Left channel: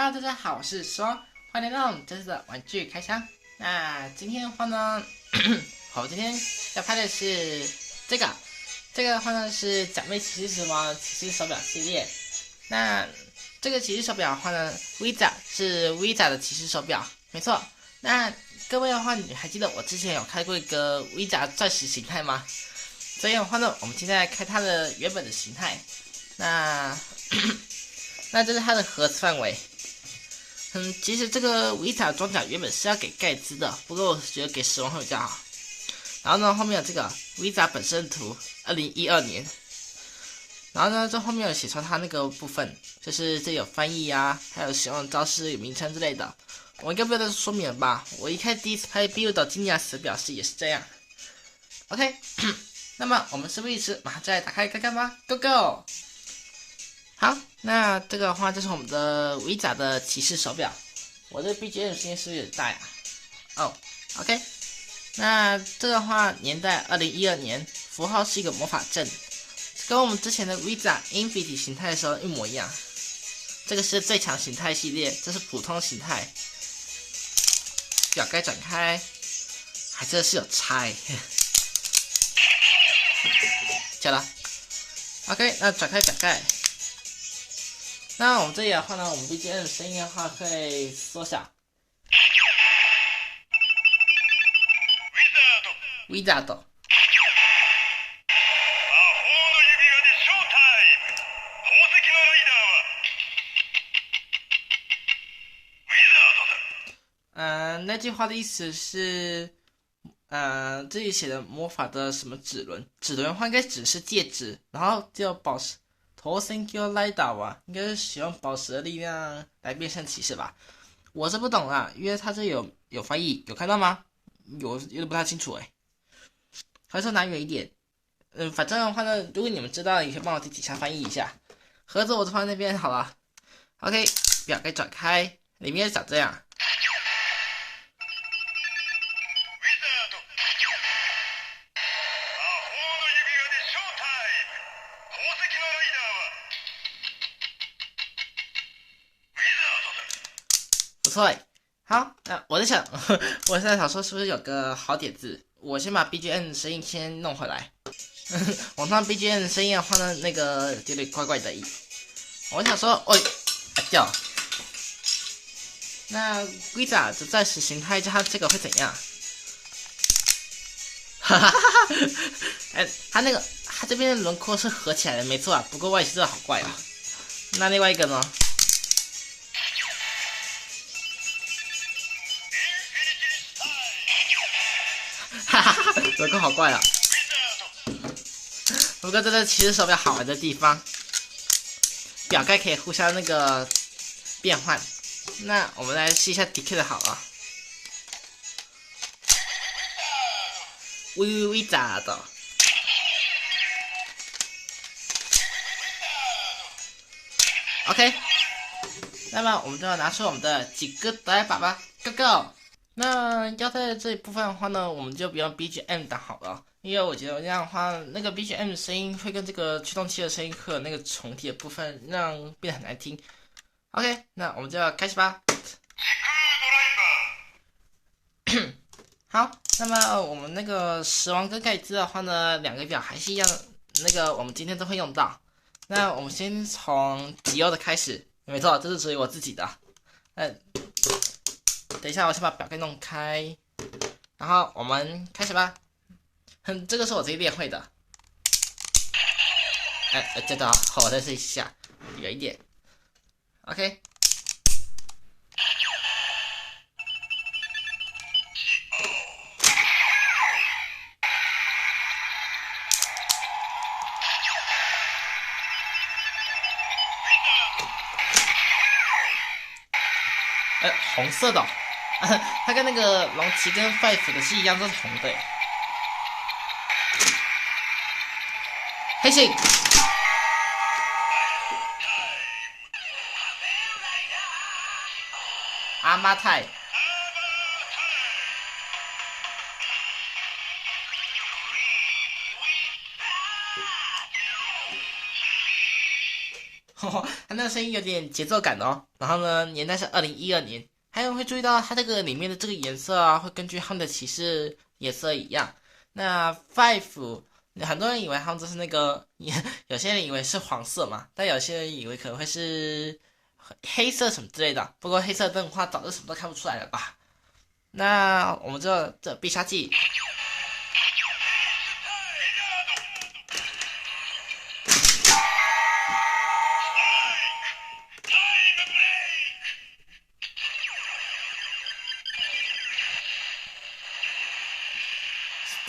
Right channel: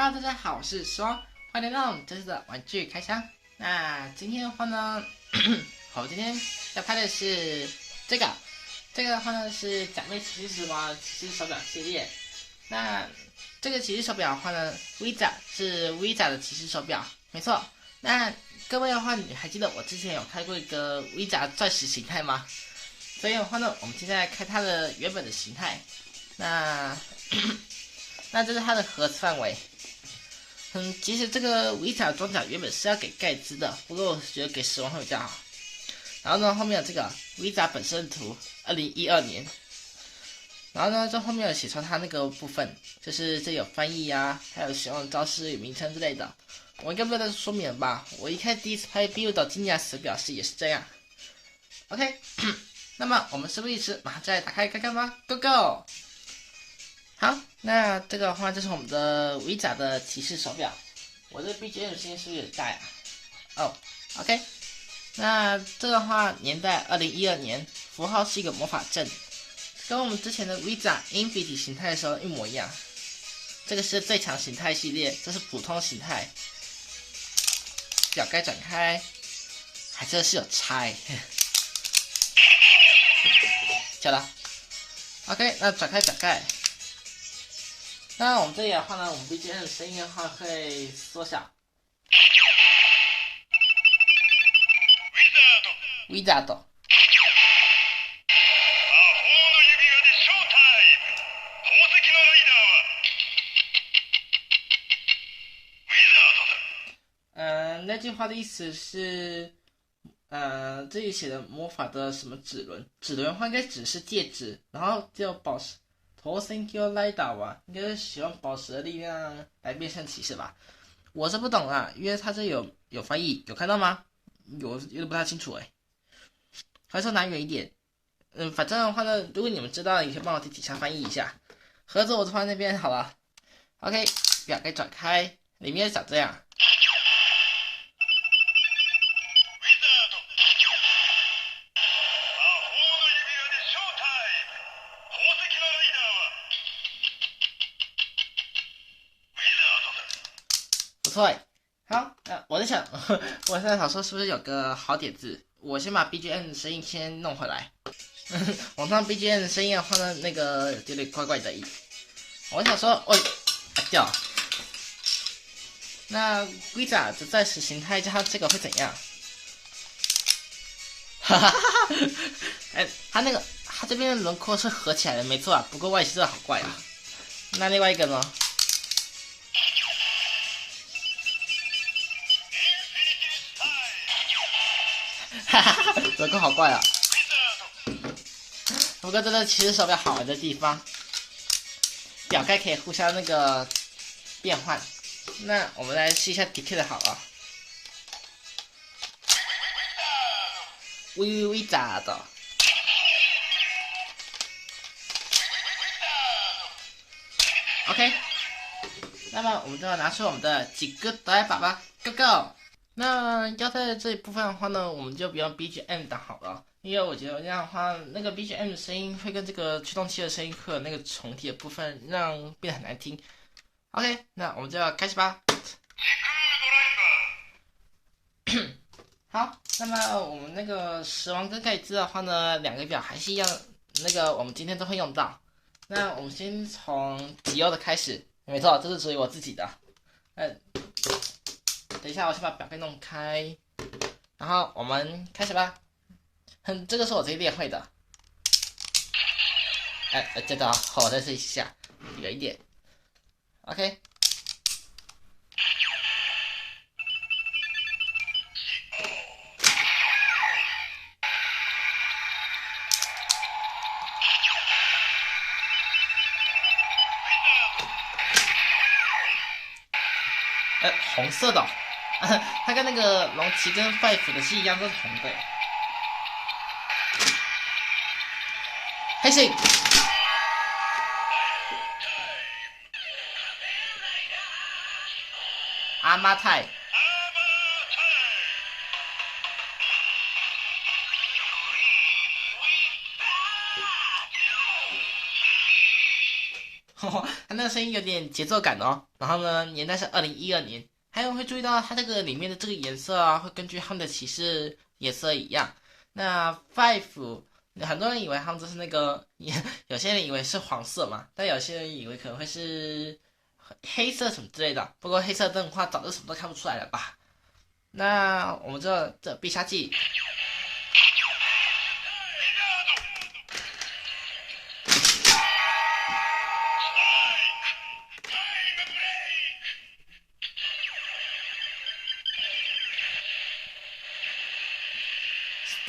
Hello，大家好，我是双，欢迎来到我们这次的玩具开箱。那今天的话呢，我今天要拍的是这个，这个的话呢是假面骑士时王骑士手表系列。那这个骑士手表的话呢 ，Visa 是 Visa 的骑士手表，没错。那各位的话，你还记得我之前有开过一个 Visa 钻石形态吗？所以的话呢，我们今天来开它的原本的形态。那那这是它的盒子范围。其实这个维塔装甲原本是要给盖兹的，不过我觉得给死亡会比较好。然后呢，后面有这个维塔本身图，2012年。然后呢，这后面有写出它那个部分，就是这里有翻译啊，还有使用招式、名称之类的。我应该不要再说明了吧？我第一次拍 Build 到金牙死表示也是这样。OK， 那么我们事不宜迟，马上再来打开看看吧 ，Go Go！好，那这个的话就是我们的维甲的骑士手表。我这 BGM 声音是不是有点大呀？哦 ，OK。那这个的话年代2012年，符号是一个魔法阵，跟我们之前的 Visa Infinity 形态的时候一模一样。这个是最强形态系列，这是普通形态。表盖转开，还真的是有差。假了 ，OK， 那转开表盖。那我们这里的话呢，我们 BGM 的声音的话会缩小。Wizard。那句话的意思是，这里写的魔法的什么指轮？指轮的话应该只是戒指，然后叫宝石。Thank you, Lida 吧，应该是使用宝石的力量来变身骑士吧？我是不懂啦，因为它这有翻译，有看到吗？有点不太清楚哎，还是拿远一点。反正的话呢，如果你们知道，也可以帮我在底下翻译一下。盒子我放在那边好了。OK， 表盖转开，里面长这样。不错哎，好，那我在想，我现在想说是不是有个好点子？我先把 BGM 声音先弄回来。我放 BGM 声音的话呢，那个有点怪怪的。我想说，叫那 Visa 的暂时形态加这个会怎样？哈哈哈哈！它这边的轮廓是合起来的，没错啊。不过外形真的好怪啊。那另外一个呢？哈哈哈，轮廓好怪啊！不过这个其实手表好玩的地方，表盖可以互相那个变换。那我们来试一下 DK 的好了。微咋的 ？OK， 那么我们就要拿出我们的几个代把吧 ，Go Go！ 那要在这一部分的话呢，我们就不用 BGM 档好了，因为我觉得这样的话，那个 BGM 的声音会跟这个驱动器的声音会有那个重叠的部分，让变得很难听。OK， 那我们就要开始吧。好，那么我们那个死亡跟盖兹的话呢，两个表还是一样，那个我们今天都会用到。那我们先从迪欧的开始，没错，这是属于我自己的。等一下，我先把表盖弄开，然后我们开始吧。这个是我自己练会的。这个好，我再试一下，远一点。OK。红色的、它跟那个龙骑跟 Five 的是一样，都是红的。黑色。阿妈泰。它那个声音有点节奏感哦。然后呢，年代是2012年。还有会注意到它这个里面的这个颜色啊，会根据他们的骑士颜色一样。那 Five，很多人以为他们就是那个，有些人以为是黄色嘛，但有些人以为可能会是黑色什么之类的。不过黑色灯的话，早就什么都看不出来了吧？那我们这必杀技。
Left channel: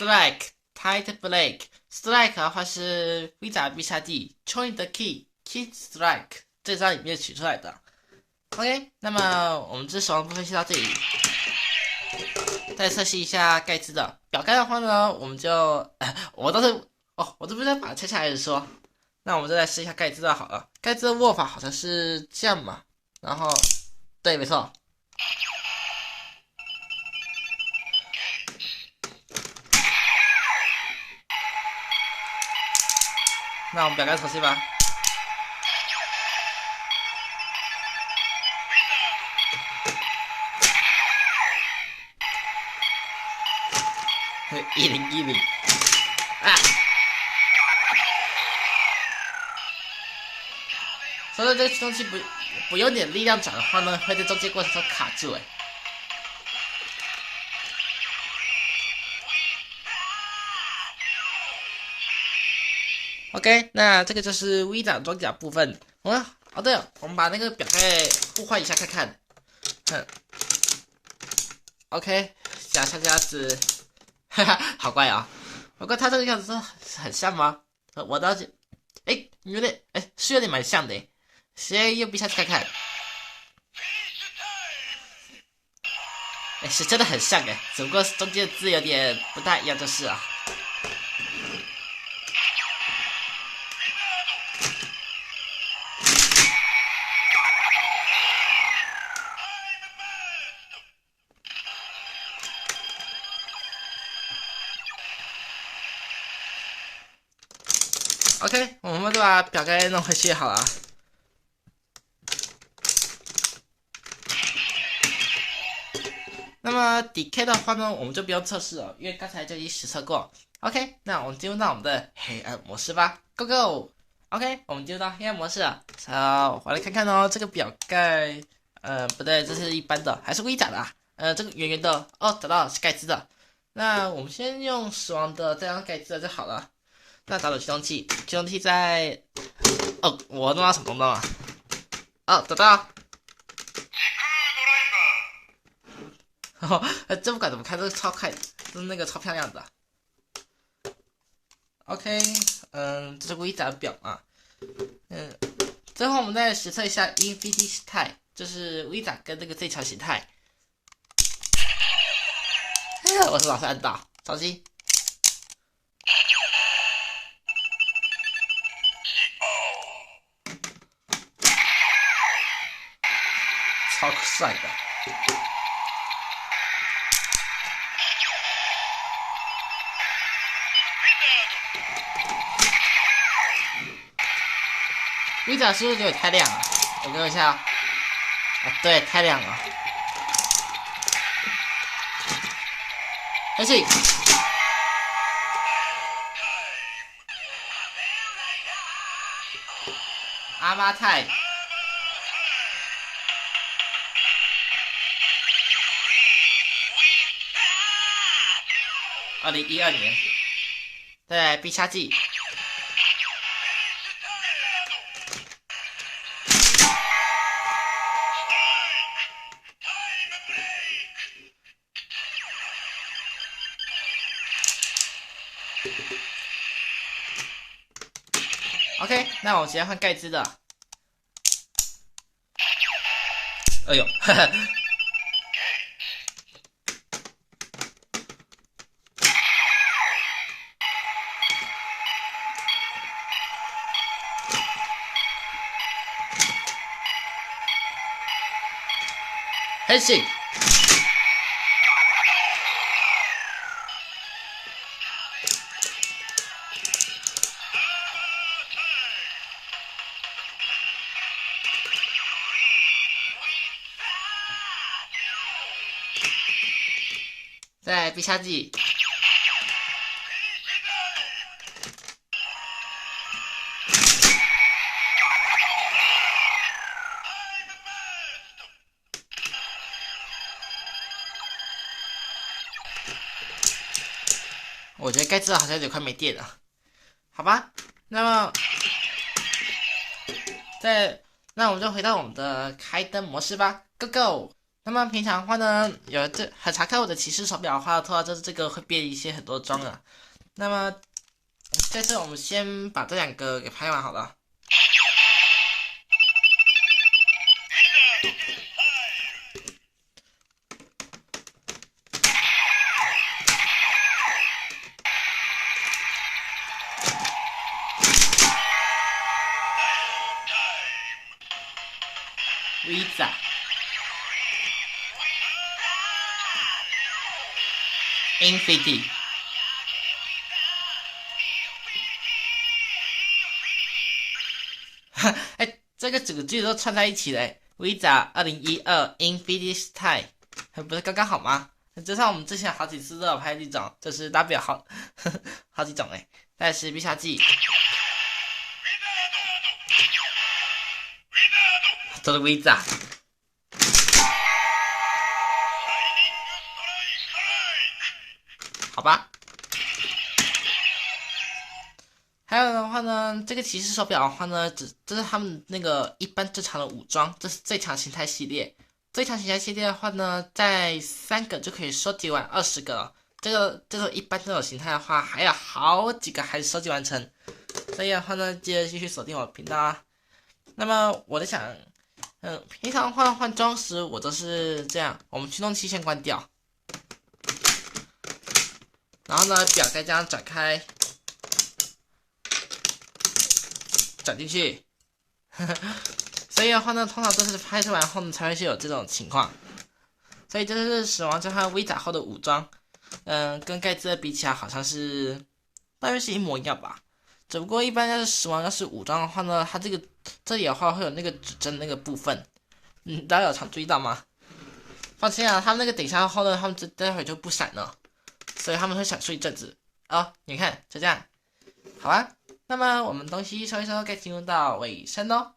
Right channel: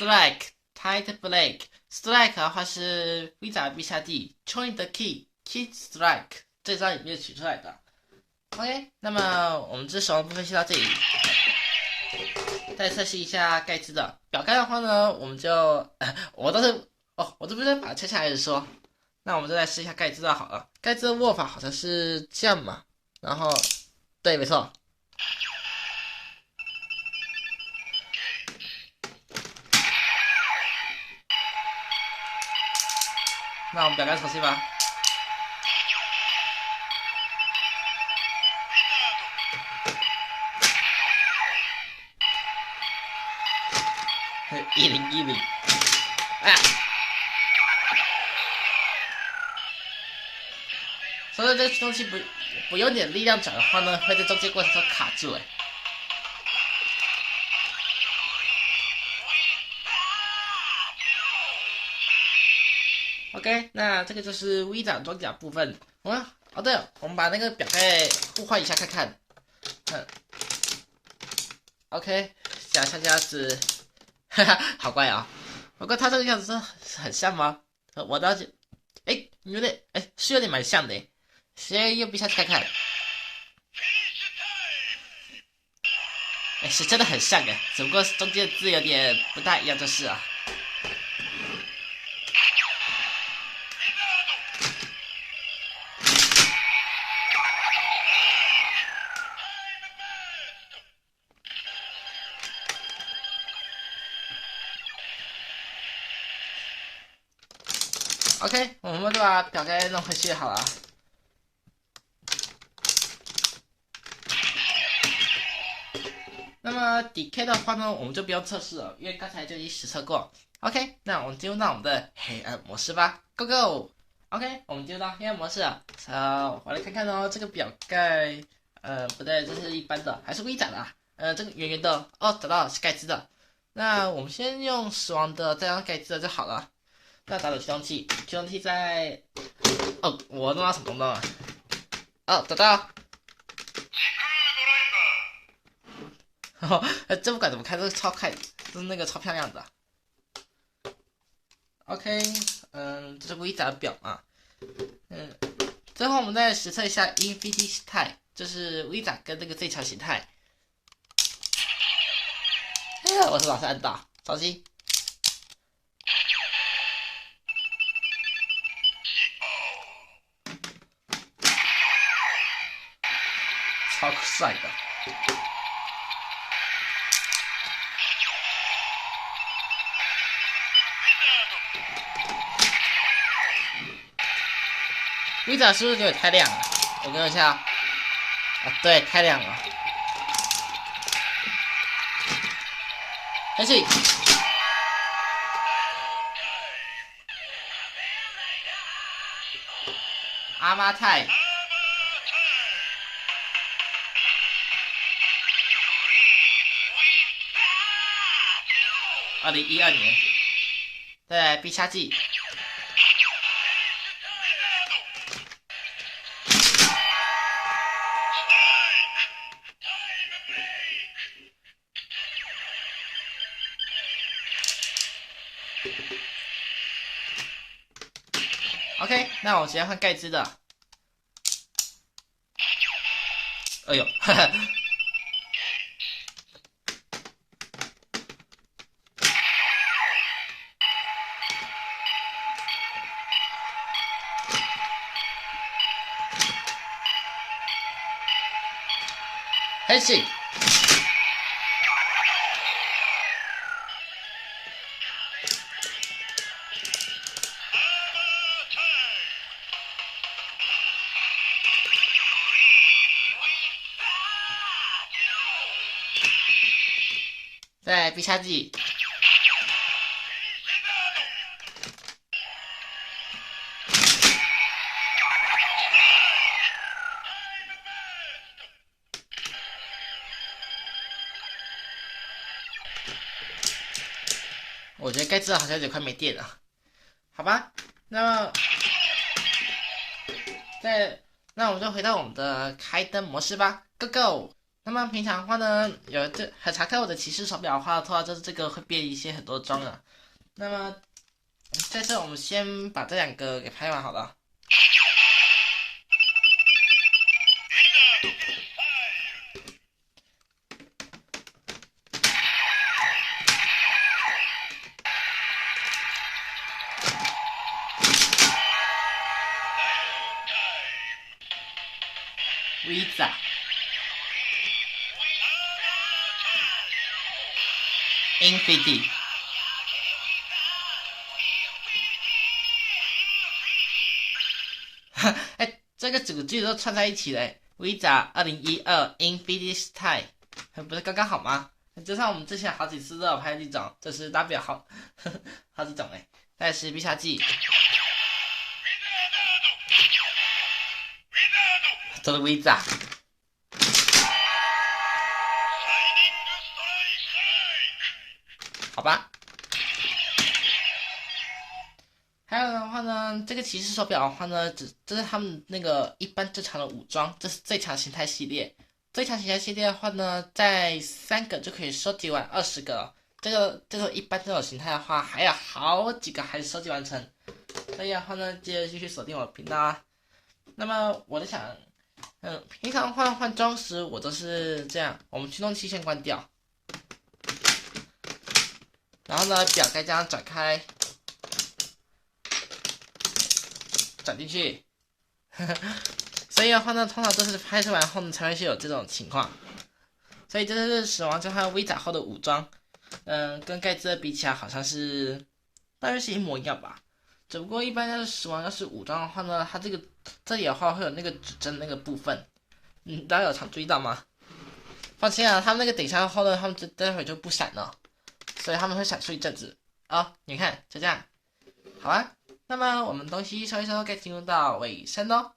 Strike Tight Blake，Strike 的话是 Visa 必杀技 ，Join the Key Strike 这招里面取出来的。OK，那么我们这手上部分先到这里。再测试一下盖茨的表盖的话呢，我们就我倒是我这边再把它拆下来说。那我们再来试一下盖茨的好了。盖茨的握法好像是这样嘛，然后对，没错。那我们表盖重新吧。1010啊！所以这个东西不用点力量转的话呢，会在中间过程中卡住哎。OK，那这个就是 V 长装甲部分。对了，我们把那个表盖互换一下看看。OK， 下家是，哈哈，好怪啊！不过他这个样子是很像吗？我倒是，有点，是有点蛮像的。先用必杀技看看。是真的很像只不过中间的字有点不太一样就是啊。OK， 我们就把表盖弄回去好了。那么 DK 的话呢，我们就不用测试了，因为刚才就已经实测过。OK， 那我们进入到我们的黑暗模式吧 ，Go Go！OK， 我们进入到黑暗模式了。我来看看哦，这个表盖，不对，这是一般的，还是微甲的啊？这个圆圆的，找到了，是盖茨的。那我们先用死亡的，再用盖茨的就好了。那找到驱动器，驱动器在，我弄到什么东东啊？找到。这不管怎么开都是超快，都是那个超漂亮的。OK， 这是微杂表嘛。最后我们再实测一下 Infinity 形态，就是微杂跟那个最强形态。我是老是按到，着急。超帅的。微展是不是有点太亮了？我看一下，对，太亮了。开始。阿妈泰。2012年，在必杀技。OK， 那我直接换盖茨的。哎呦，哈哈。开始。在必杀技。我觉得盖茨好像有点快没电了，好吧？那么，那我们就回到我们的开灯模式吧 ，Go Go！那么平常的话呢，很常看我的骑士手表的话，就是这个会变一些很多装啊。那么在这我们先把这2个给拍完好了。Visa Infinity 哎，这个整个句子都串在一起嘞。Visa 2012 Infinity Style 不是刚刚好吗？就像我们之前好几次都有拍这种，就是代表好几种哎。再是必杀技，这是 Visa。好吧。还有的话呢，这个骑士手表的话呢，这是他们那个一般正常的武装，这是最强形态系列。最强形态系列的话呢，在3个就可以收集完20个了。这种一般这种形态的话，还有好几个还是收集完成。所以的话呢，记得继续锁定我的频道啊。那么我在想，平常换装时我都是这样，我们驱动器先关掉，然后呢，表盖这样转开。转进去，所以的话呢，通常都是拍摄完后呢才会是有这种情况。所以这是死亡交换 Visa 后的武装，跟盖茨的比起来好像是大约是一模一样吧。只不过一般要是死亡要是武装的话呢，它这里的话会有那个指针那个部分，大家有常注意到吗？放心啊，他们那个等下后呢，他们待会就不闪了，所以他们会闪烁一阵子。你看就这样，好啊。那么我们东西收一收，该进入到尾声喽。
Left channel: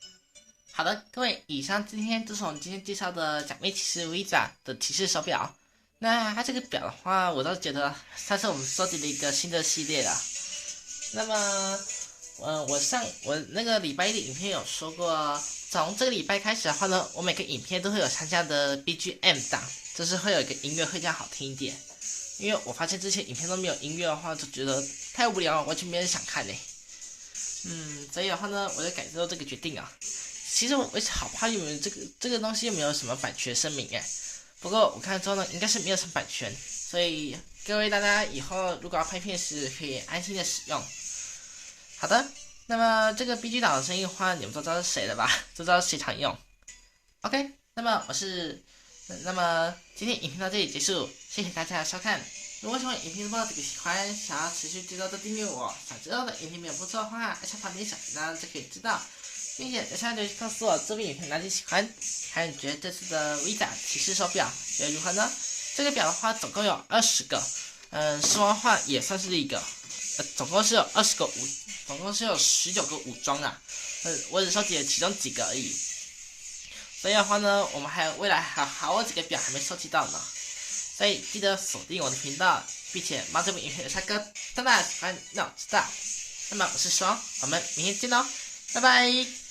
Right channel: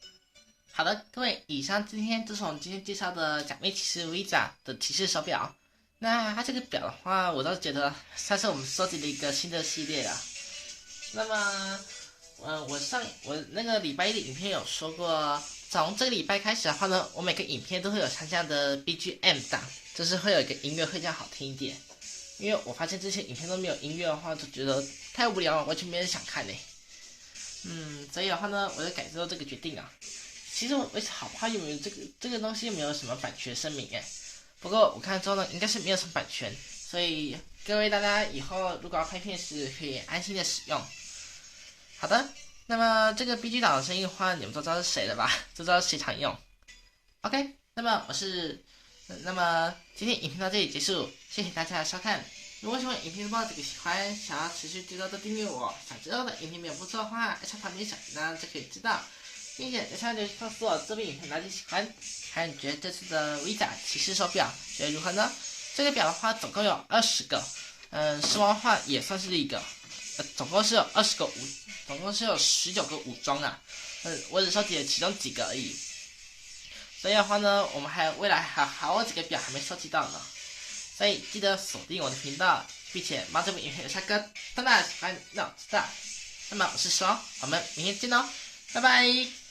好的，各位，以上今天就是我们今天介绍的假面骑士 Visa 的骑士手表。那它这个表的话，我倒觉得它是我们收集的一个新的系列啊。那么，我那个礼拜一的影片有说过，从这个礼拜开始的话呢，我每个影片都会有参加的 BGM 档，就是会有一个音乐会这样好听一点。因为我发现之前影片都没有音乐的话，就觉得太无聊了，完全没人想看嘞。所以的话呢，我就改做这个决定啊。其实我好怕你们这个东西没有什么版权声明哎。不过我看之后呢，应该是没有什么版权，所以各位大家以后如果要拍片时，可以安心的使用。好的，那么这个 BG 档的声音的话，你们都知道是谁了吧？都知道是谁常用。OK， 那么今天影片到这里结束，谢谢大家的收看。如果喜欢影片的话，这个喜欢，想要持续知道的订阅我，想知道的影片没有不错的话，按下旁边小铃铛就可以知道，并且在下面留言告诉我这部影片哪里喜欢，还有你觉得这次的 Visa 骑士手表觉得如何呢？这个表的话总共有20个，失望的话也算是一个，总共是有总共是有19个武装啊，我只收集了其中几个而已。所以的话呢，我们未来还有好几个表还没收集到呢。所以记得锁定我的频道，并且帮这部影片留下个大大的喜欢让我知道。那么我是双，我们明天见喽，拜拜。